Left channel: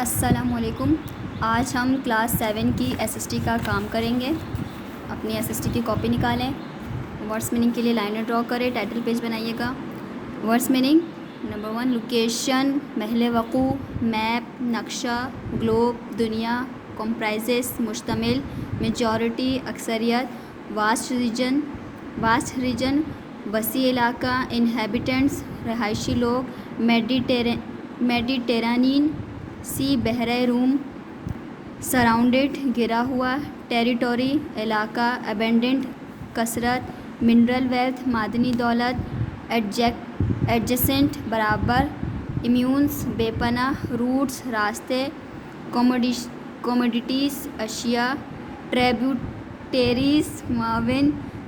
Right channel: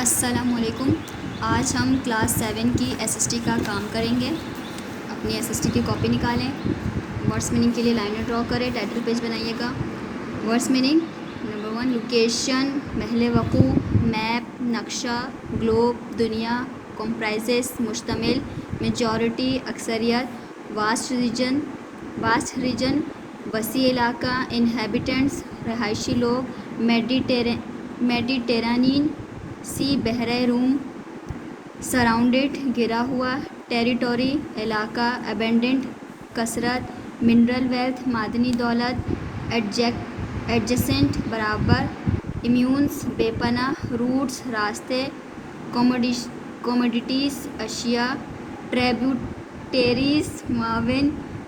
अस्सलामुअलैकुम। आज हम क्लास 7 की एसएसटी का काम करेंगे। अपनी एसएसटी की कॉपी निकालें। वर्ड्स मीनिंग के लिए लाइनें ड्रॉ करें। टाइटल पेज बनाइएगा। वर्ड्स मीनिंग नंबर 1 लोकेशन, महल वक़ू, मैप, नक्शा, ग्लोब, दुनिया, कंप्राइजेस मुश्तमिल, मेजॉरिटी अक्सरियत, वास्ट रीजन वसी इलाका, इनहेबिटेंट्स रहायशी लोग, मेडिटेरानियन सी बहरे रूम, सराउंडेड घिरा हुआ, टेरिटोरी इलाका, अबेंडेंट कसरत, मिनरल वेल्थ मादनी दौलत, एडजेसेंट बराबर, इम्यून्स बेपना, रूट्स रास्ते, कोमोडिटीज़ अशिया, ट्रिब्यूटरीज मुआविन,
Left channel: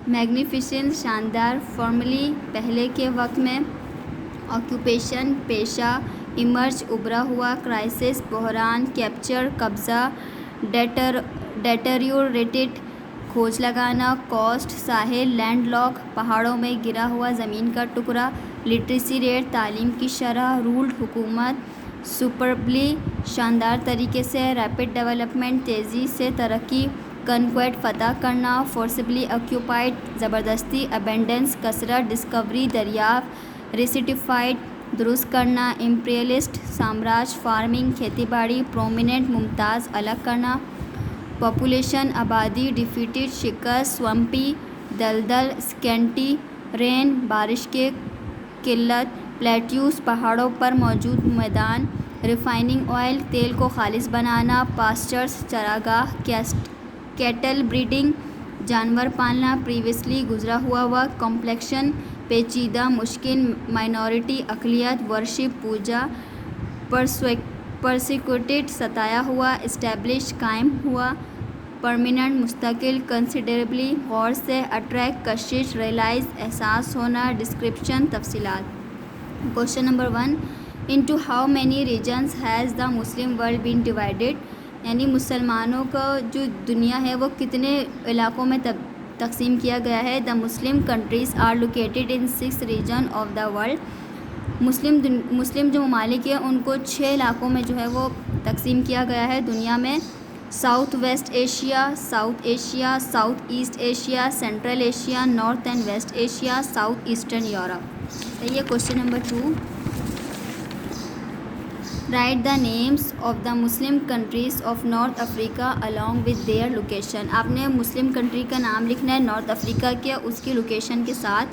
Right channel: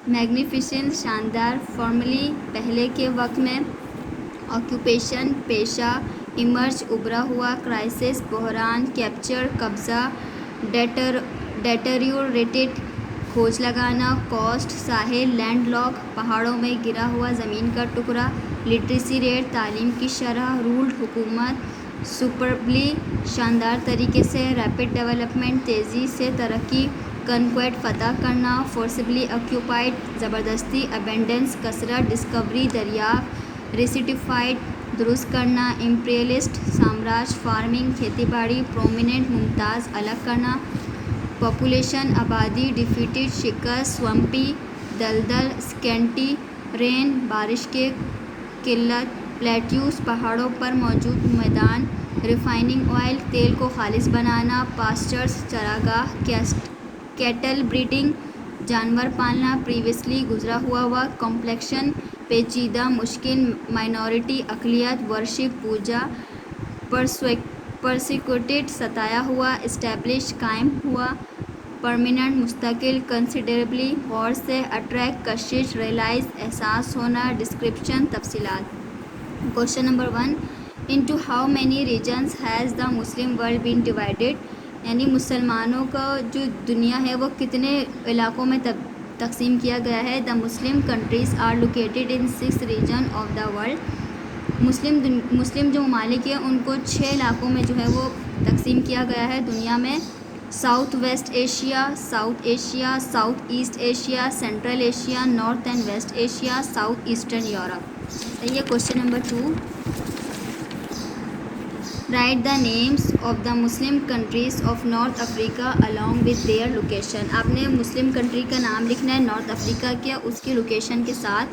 मैग्निफिसेंट शानदार, फॉर्मली पहले के वक्त में, ऑक्यूपेशन पेशा, इमर्ज उभरा हुआ, क्राइसिस बहरान, कैप्चर कब्ज़ा, डेटेरियोरेटेड खोज लगाना, कॉस्ट साहिल, लैंडलॉक पहाड़ों में गिरा हुआ ज़मीन का टुकड़ा, लिटरेसी रेट तालीम की शरह, रूल्ड हुकूमत, सुपरबली शानदार तरीके से, रैपिड डेवलपमेंट तेज़ी से तरक्की, कन्क्वेट फतह करना, फोर्सिबली ऑक्यूपाइड ज़बरदस्ती, अबेंडेंस कसरत, डिस्कवरी दरियाफ्त, रिसिटिफाइड दुरुस्त करना, इम्पीरियलिस्ट साम्राज्य, फार्मिंग खेतीबाड़ी, प्रोमिनेंट मुमताज़ अलग करना, पॉपुलेशन आबादी, डिफीटेड शिकस्त, स्वम्पी दलदल, स्केंटी रेन बारिश के किल्लत, प्लेट्यूस पहाड़ों पर मौजूद मैदान, रिफाइनिंग ऑयल तेल को खालिस बनाना, पास्चर्स चरागाह, कैटल ब्रीडिंग जानवर पालना, प्रीवियसली गुजरा हुआ वक्त, कॉम्प्लेक्शन पेचीदा मुश्किल, माइनॉरिटी अक़लियत, वर्शिप पूजा, परसिक्यूटेड सताया हुआ, इस्टेब्लिश कायम हुआ, परमानेंट मुस्तकिल, कंसिडरेबली गौर से, अट्रैक्ट कशिश, रियलाइज एहसास होना, डिस्क्रिप्शन तफसीलात। Question number 1 into how many regions has the Muslim world been divided, यानी मुसलमानों का जो दुनिया है वो कितने इलाकों में तकसीम किया गया है। The Muslim countries are located in 6 region of the world. मुस्लिम जो ममालिक है उनको 6 इलाकों में जो है वो तकसीम किया गया है दुनिया में। South west Asia, south Asia, south east Asia, central Asia, north and west Asia, south eastern Europe. सही है। Question number 2 write the names of the Muslim countries of north Africa along with their location. आपने Muslim country का नाम लिखना है north Africa के, उसकी location के साथ।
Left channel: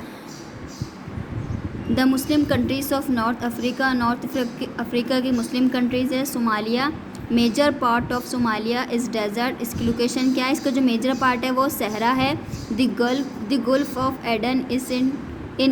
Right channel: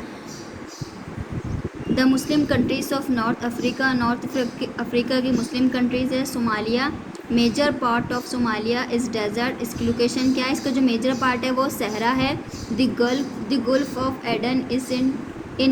The Muslim countries of north Africa की मुस्लिम कंट्रीज़ है Somalia. Major part of Somalia is desert. इसकी लोकेशन क्या है? इसका जो मेजर पार्ट है वो सहरा है। The Gulf of Aden is in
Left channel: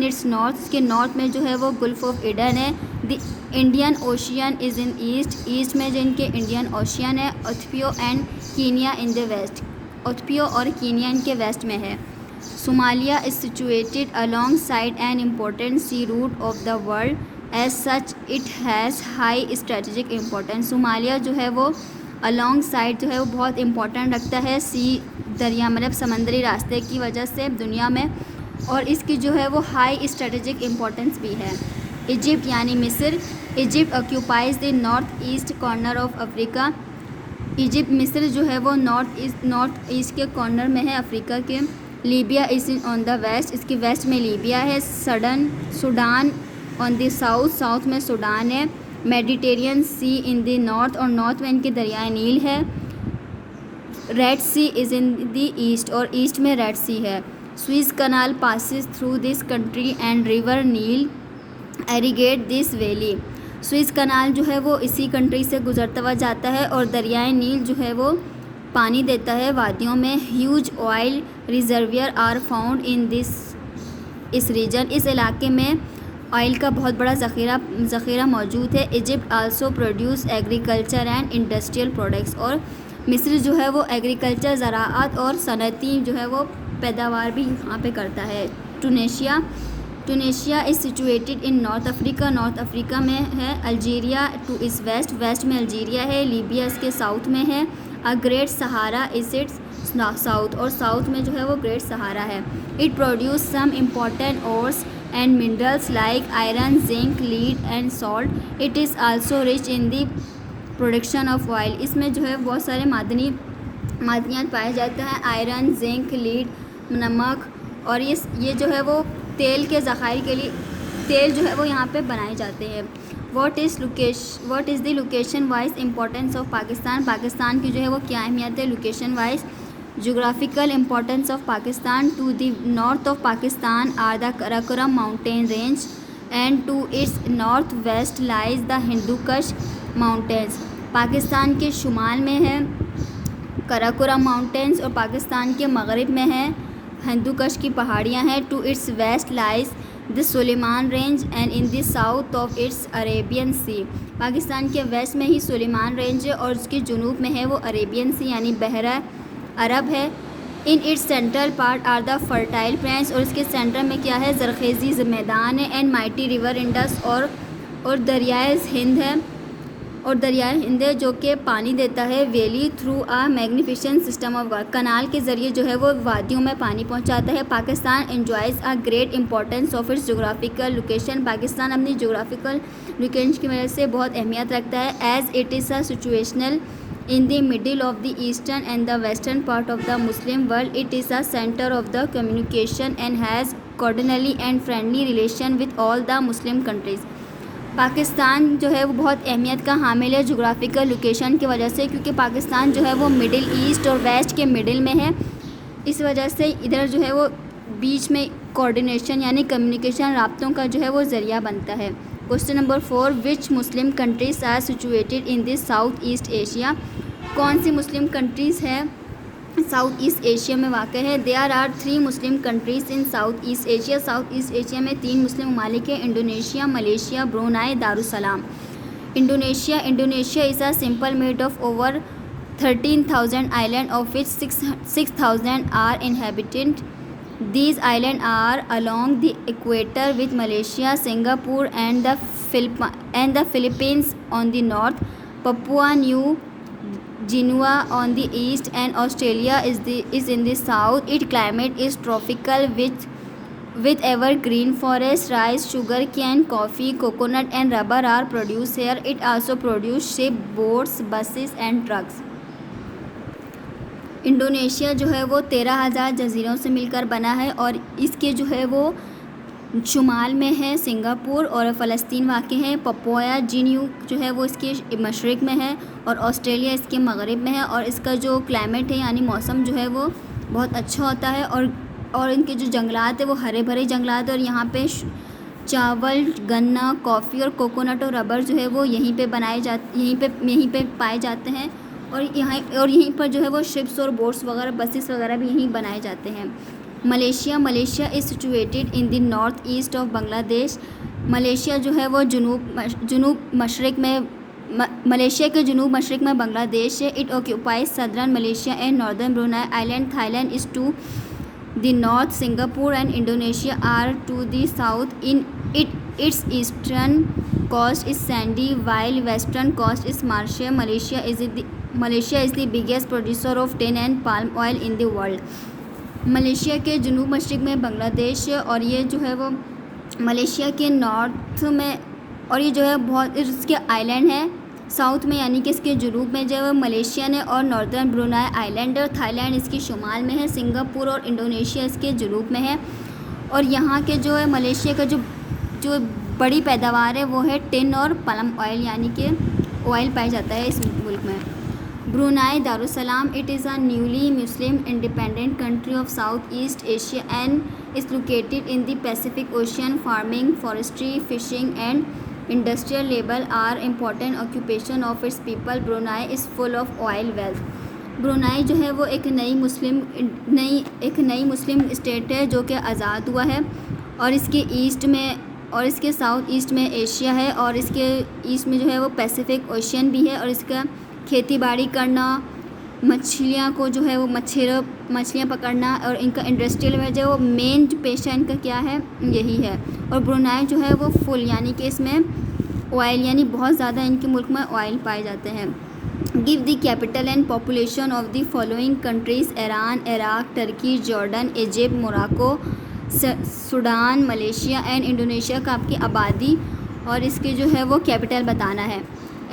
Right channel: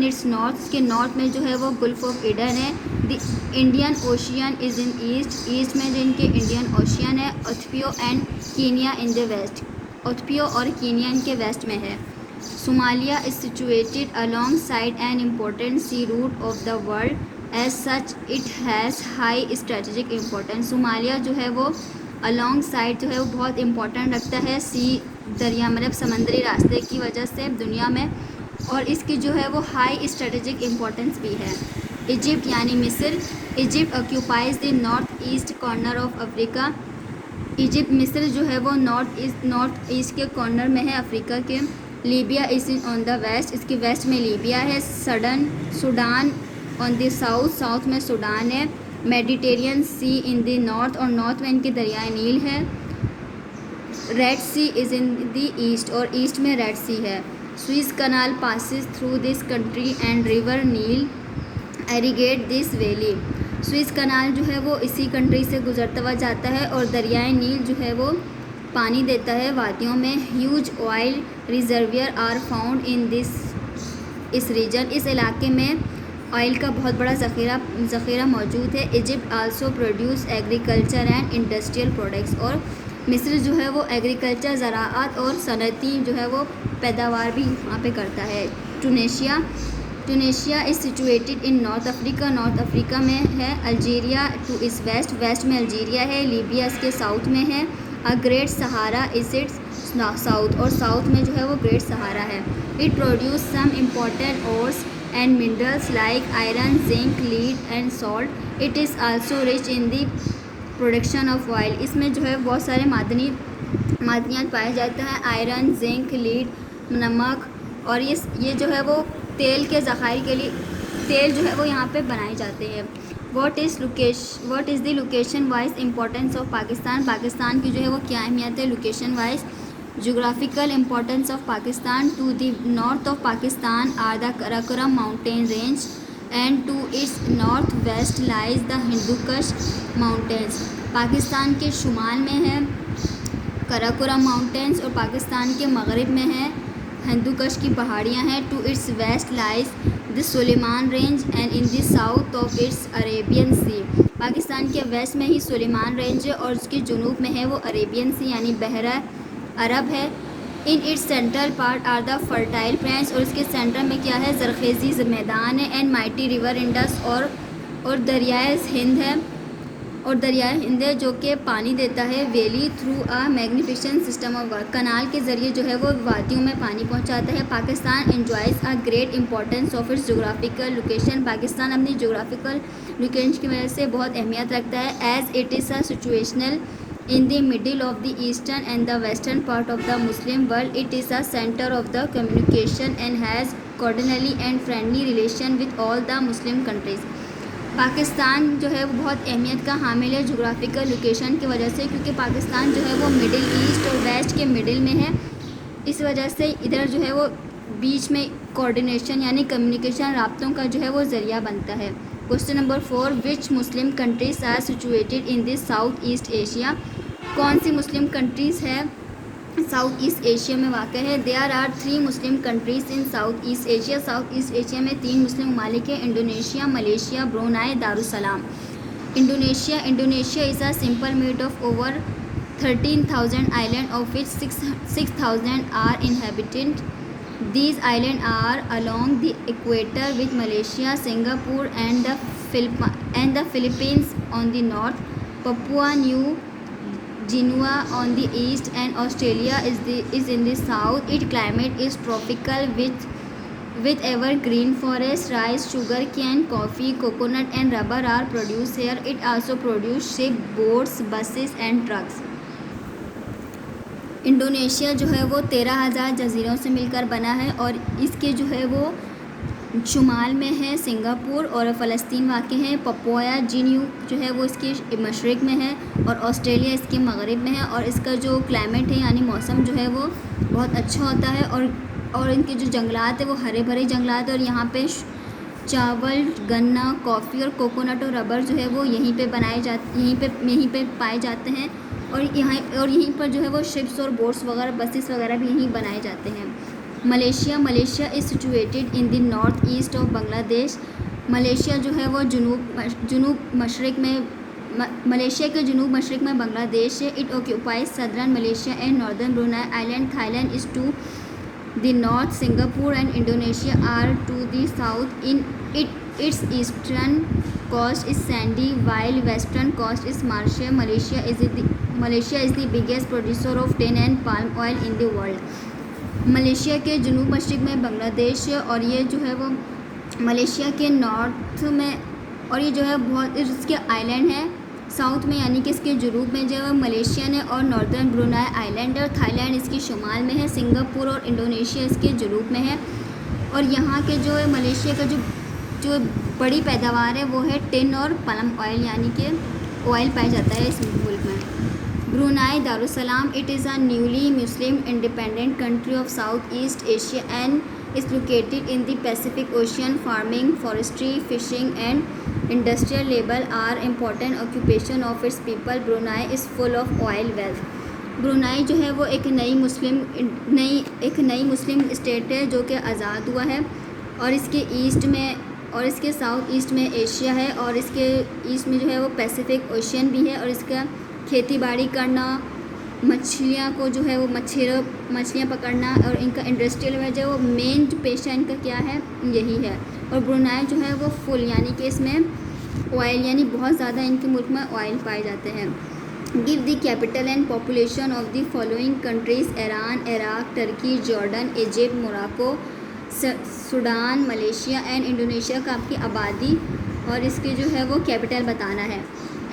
its north. इसके नॉर्थ में जो है वो गुल्फ ऑफ एडन है। The Indian Ocean is in east में जो इनके इंडियन ओशियन है। Ethiopia and Kenya in the west. Ethiopia और कीनिया इनके वेस्ट में है। Somalia is situated alongside an important sea route of the world as such it has high strategic importance. Somalia जो है वो along side जो है वो बहुत इम्पोर्टेंट रखता है सी दरिया मतलब समंदरी रास्ते की वजह से दुनिया में, और इसकी जो है वो हाई स्ट्रेटेजिक इम्पोर्टेंस भी है। इजिप्ट यानी मिस्र। Egypt occupies the north east corner of Africa. मिस्र जो है वो नॉर्थ ईस्ट के कॉर्नर में है अफ्रीका के। Libya is on the west. इसकी वेस्ट में लीबिया है। सूडान ऑन द साउथ में सूडान है। Mediterranean sea in the north, और नॉर्थ में इनकी दरियाए नील है। Red sea is in the east, और ईस्ट में रेड सी है। Suez canal passes through this country and river Nile irrigate this valley. Suez canal जो है वो इसी कंट्री से गुजरता हुआ जाता है और दरियाए नील जो है वो पानी देता है वादियों में। Huge oil reservoir are found in इस रीजन। इस इलाके में ऑयल का बहुत बड़ा ज़ख़ीरा मौजूद है। Egypt also produce agriculture and industrial products. और मिस्र जो है वो एग्रीकल्चर ज़राअत और सनती जो है वो पैदावार भी वहाँ पे करता है। Tunisia is situated in north Africa. North Africa में है। अल्जीरिया टू इस वेस्ट में अल्जीरिया है। लीबिया इसके साउथ में है। A great Sahara is its south, और साउथ में जो है वो ग्रेट सहारा है। It produce some important ores and minerals like iron, zinc, lead and salt. It is also rich in the production of oil, इसमें जो है बहुत सारे मादनियात पाए जाते हैं, आयरन, जिंक, लीड, नमक, और ये जो है वो तेल के ज़खायर के लिए तेल जो है वो यहाँ पे बनाए जाते हैं। What is the location wise importance of Pakistan, Pakistan की जो है वो क्या अहमियत है location wise. Geographical importance of Pakistan, to the north of Pakistan are the Karakoram mountain range and to its northwest lies the Hindu Kush mountains। Pakistan के शुमाल में है कराकोरम माउंटेन्स और पाकिस्तान के मगरिब में है हिंदू कश की पहाड़ियाँ हैं। To its west lies the Sulaiman range and in the south of its Arabian sea, Pakistan के वेस्ट में ही सुलेमान रेंज है और उसके जुनूब में है वो अरेबियन सी यानी बहरा अरब है। In its central part are the fertile plains, और इसके सेंटर में क्या है जरखेज़ी मैदान है। एंड माइटी रिवर इंडस, और दरियाए हिंद है, और दरियाए हिंद है जो कि पानी देता है valley through a magnificent system of work, canal के ज़रिए जो है वो वादियों में पानी पहुंचाता है। Pakistan enjoys a great importance of its geographical location, Pakistan अपनी जोग्राफिकल लोकेशन की वजह से बहुत अहमियत रखता है। As it is a situational in the middle of the eastern and the western part of the Muslim world, it is a center of the communication and has cordially and friendly relation with all the Muslim countries। Pakistan जो है वो बहुत अहमियत का हामिल है geographical location की वजह से, क्योंकि पाकिस्तान जो है वो मिडिल ईस्ट और वेस्ट के मिडिल में है। इस वजह से इधर जो है वो बीच में कोऑर्डिनेशन यानी कम्युनिकेशन राब्तों का जो है वो ज़रिया बनता है। Question number 4, which Muslim countries are situated in this south east Asia, कौन सी मुस्लिम कंट्रीज़ है साउथ ईस्ट एशिया में वाक़ है। There are 3 Muslim countries in south east Asia, south east Asia में 3 मुस्लिम ममालिक है, Indonesia, Malaysia, Brunei, Darussalam. Indonesia is a simple made of over 13,000 island of which 6,000 are inhabited. These islands are along the equator with Malaysia, Singapore and the Philippines on the north, Papua New Guinea on the east and Australia is in the south. Its climate is tropical with evergreen forests, rice, sugar cane, coffee, coconut and rubber are produced here. It also produces ship, boats, buses and trucks। Indonesia जो है वो 13,000 जजीरों से मिलकर बना है और इसके जो है वो शुमाल में है सिंगापुर और फ़लस्तीन वाक़ है। पपुआ न्यू जो है वो इसके मशरक़ में है और ऑस्ट्रेलिया इसके मगरिब में है, और इसका जो क्लाइमेट है यानी मौसम जो है वो बहुत अच्छा होता है, और इनके जो जंगलात है वो हरे भरे जंगलात है, और यहाँ पे चावल, गन्ना, कॉफ़ी और कोकोनट और रबर जो है वो यहीं पे पाए जाते हैं, और यहीं पर जो है वो शिप्स और बोट्स वगैरह बसेस वगैरह भी यहीं बनाए जाते हैं। Malaysia is situated in the north east of Bangladesh, Malaysia जो है वो जनूब मशरक़ में मलेशिया के जनूब मशरक़ में बांग्लादेश है। It occupies southern Malaysia and northern Brunei island, Thailand is to the north, Singapore and Indonesia are to the south. In its eastern coast is sandy while western coast is marshy। Malaysia is the biggest producer of tin and palm oil in the world। Malaysia के जनूब मशरक़ में बांग्लादेश है और ये जो है वो Malaysia के north में, और ये जो है बहुत इसके आइलैंड है साउथ में यानी कि इसके जनूब में जो है मलेशिया ने, और नॉर्दर्न ब्रुनाई आइलैंड और थाईलैंड इसके शुमाल में है, सिंगापुर और इंडोनेशिया इसके जनूब में है। और यहाँ के जो है मलेशिया का जो बड़ी पैदावार है वो है टिन और पलम ऑयल यानी कि ऑयल पाया जाता है इस मुल्क में। Brunei Darussalam, it is a newly Muslim independent country of south east Asia and is located in the Pacific ocean. Farming, forestry, fishing and industrial labour are important occupation of its people. Brunei is full of oil wealth. Brunei जो है वो एक नई मुस्लिम state है जो कि आज़ाद हुआ है, और इसके ईस्ट में और इसके साउथ ईस्ट में एशिया है, और इसके ईस्ट में जो है वो पैसिफिक ओशियन भी है, और इसका खेती बाड़ी करना, मछलियाँ को जो है वो मछलियाँ पकड़ना और इनका इंडस्ट्रियल में जो मेन जो पेशा इनका क्या है यही है। और ब्रुनाई जो है वो फुल यानी कि इसमें ऑयल यानी बहुत ज़्यादा इनके मुल्क में ऑयल पाए जाते हैं। Give the capital and population of the following countries, Iran, Iraq, Turkey, Jordan, Egypt, Morocco, Sudan, Malaysia and Indonesia का आपकी आबादी और इसके जो है वो कैपिटल बताना है।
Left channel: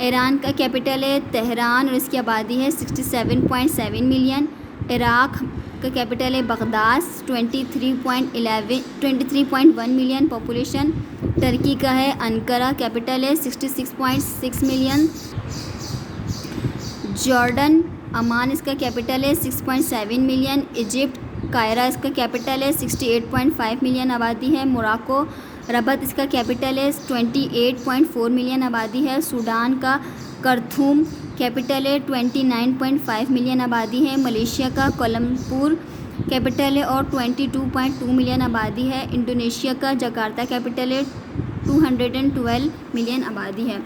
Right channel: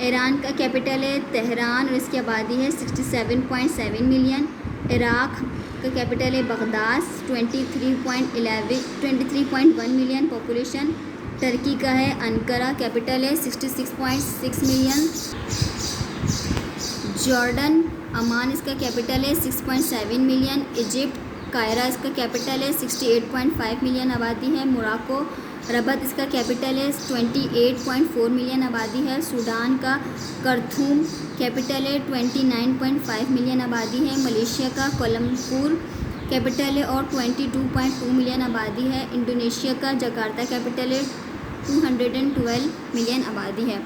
ईरान का कैपिटल है तेहरान और इसकी आबादी है 67.7 मिलियन। इराक़ का कैपिटल है बगदाद, 23.1 मिलियन पॉपुलेशन। टर्की का है अंकारा, कैपिटल है 66.6 मिलियन। जॉर्डन अमान इसका कैपिटल है 6.7 मिलियन। इजिप्ट कायरा इसका कैपिटल है 68.5 मिलियन आबादी है। मोरक्को रबत इसका कैपिटल है 28.4 मिलियन आबादी है। सूडान का करथूम कैपिटल है 29.5 मिलियन आबादी है। मलेशिया का कोलमपुर कैपिटल है और 22.2 मिलियन आबादी है। इंडोनेशिया का जकार्ता कैपिटल है 212 मिलियन आबादी है।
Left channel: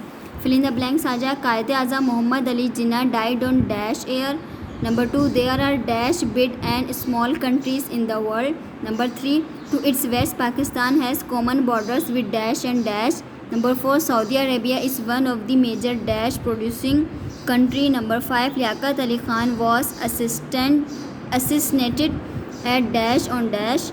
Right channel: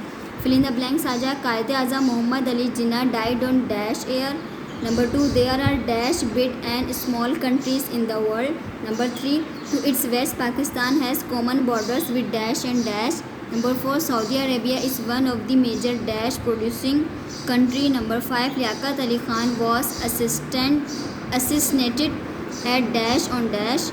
फिल इन द ब्लैंक्स आ जाए। Quaid-e Azam Mohammad Ali Jinnah died on dash year. Number 2, there are dash big and small countries in the world. Number 3, to its west Pakistan has common borders with dash and dash. Number 4, Saudi Arabia is one of the major dash producing country. Number 5, Liaquat Ali Khan was assassinated at dash on dash.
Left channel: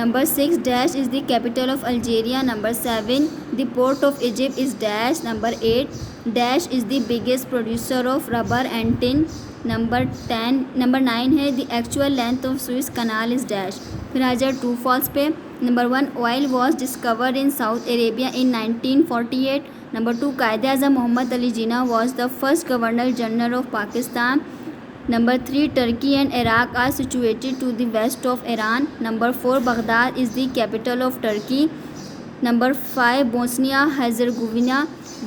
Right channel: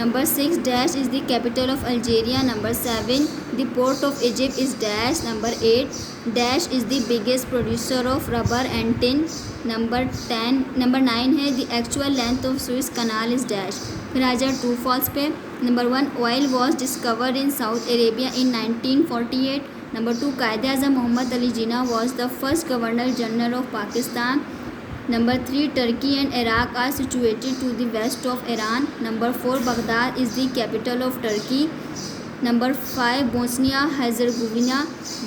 Number 6, dash is the capital of Algeria. Number 7, the port of Egypt is dash. Number 8, dash is the biggest producer of rubber and tin. Number 9 है the actual length of Suez canal is dash. फिर आ जाए true false पे। Number 1, oil was discovered in south Arabia in 1948। Number 2, Quaid-e Azam Mohammad Ali Jinnah was the first governor general of Pakistan. Number 3, Turkey and Iraq are situated to the west of Iran. Number 4, Baghdad is the capital of Turkey. Number 5, Bosnia Herzegovina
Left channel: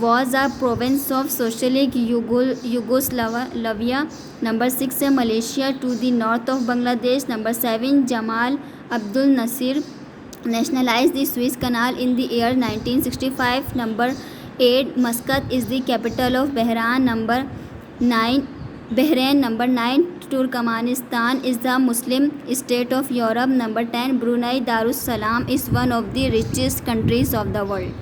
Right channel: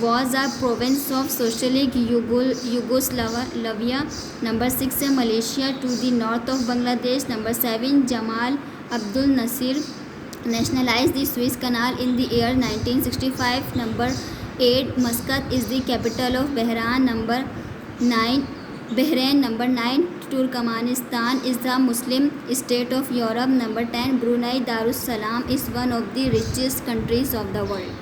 was a province of Socialist Yugoslavia. Number 6 है Malaysia to the north of Bangladesh. Number 7, Jamal Abdul Nasir nationalized the Suez Canal in the year 1965. Number 8, Muscat is the capital of Bahrain. Number 9, Turkmenistan is the Muslim state of Europe. Number 10, Brunei Darussalam is one of the richest countries of the world.